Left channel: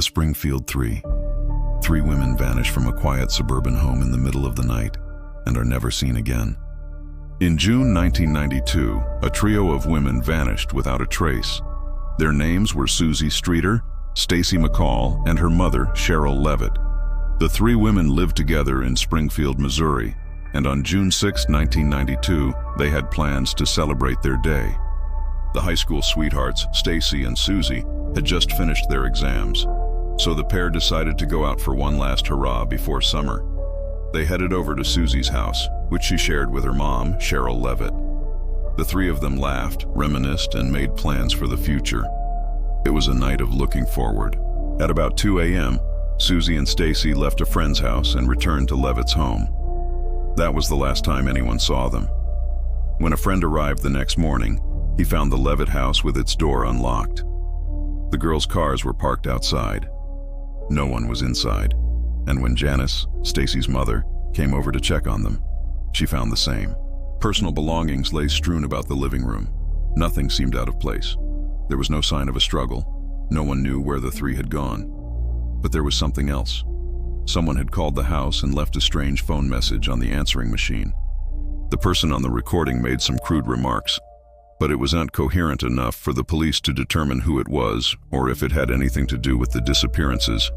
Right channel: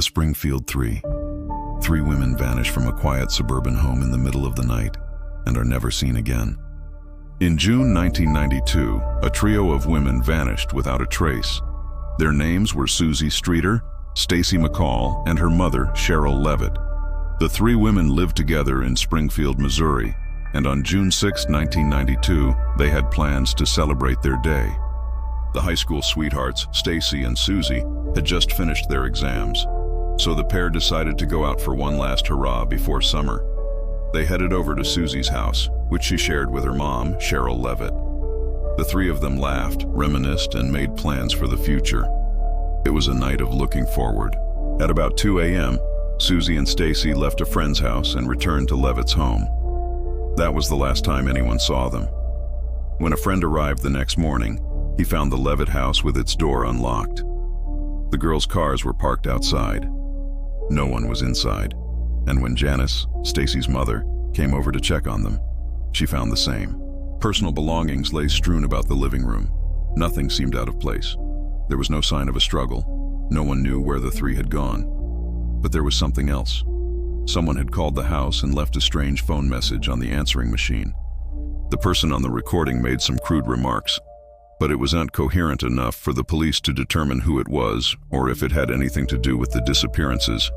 The Springfield Three. Three women vanish from a quiet suburban home in the middle of the night and are never seen again. In June 1992, a trio of women vanished without a trace. Their names were Suzie Streeter, Stacy McCall, and her mother, Sherill Levitt. The three women lived together in Springfield, Missouri, and on June 6, 1992, they had plans to celebrate their day. The high school sweethearts, Stacy and Suzie, had just finished their exams, so the pair decided to go out for one last hurrah before summer. They headed over to Suzie's house, which she shared with her mom, Sherill Levitt. The three of them laughed, reminisced, and made plans for the future. It was a night of looking forward. At about 2 a.m., Suzie and Stacy left a friend's house and returned to Levitt's home. That was the last time anyone saw them. When a friend arrived the next morning, he found the Levitt house with its door unlocked. The girls' cars were parked outside. No one was inside, and when Janice, Stacy's mother, came over to check on them, she found the same. Personal belongings lay strewn about the living room. Nothing seemed out of place. There was no sign of a struggle. No one knew where the three had gone. But there was something else. Someone had called the house and left a strange phone message on the answering machine. The person on the recording made some crude remarks, but it was not coherent enough for the police to determine who it was or if it had anything to do with the disappearances.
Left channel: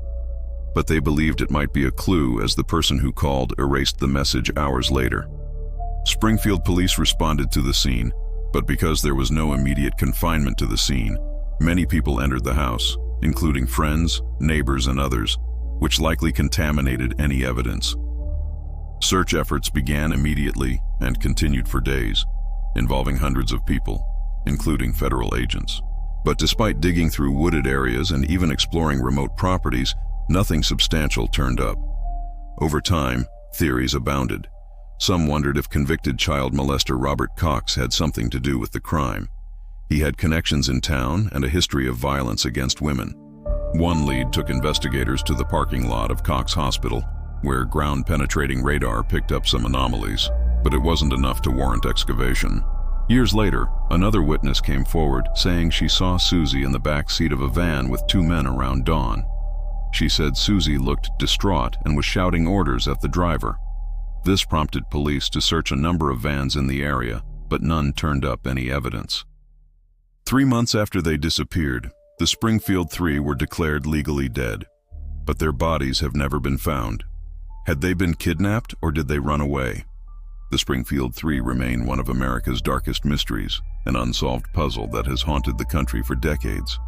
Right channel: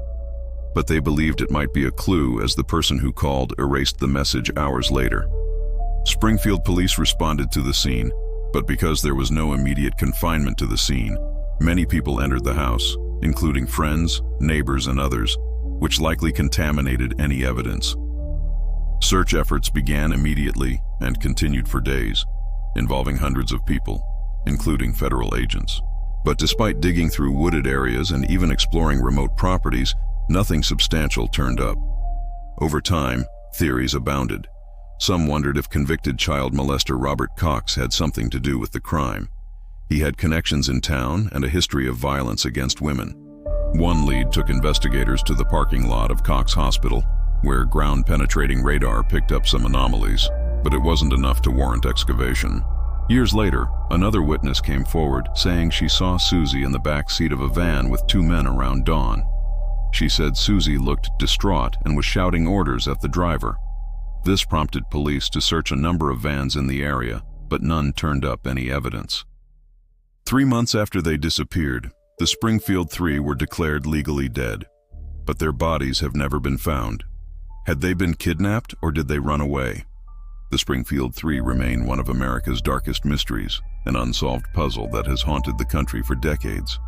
But they believed it might be a clue, as the person who called erased the message hours later. Springfield police responded to the scene, but because there was no immediate confinement to the scene, many people entered the house, including friends, neighbors, and others, which likely contaminated any evidence. Search efforts began immediately and continued for days, involving hundreds of people, including federal agents. But despite digging through wooded areas and even exploring remote properties, nothing substantial turned up. Over time, theories abounded. Some wondered if convicted child molester Robert Cox had something to do with the crime. He had connections in town and a history of violence against women. One lead took investigators to the parking lot of Cox Hospital, where ground-penetrating radar picked up some anomalies, but it wasn't enough to warrant excavation. Years later, another witness came forward, saying she saw Suzie in the back seat of a van with two men around dawn. She said Suzie looked distraught and was shouting orders at the driver. This prompted police to search a number of vans in the area, but none turned up any evidence. 3 months after they disappeared, the Springfield Three were declared legally dead, but their bodies have never been found. Had they been kidnapped or did they run away? The Springfield Three remain one of America's darkest mysteries, an unsolved puzzle that has haunted the country for decades.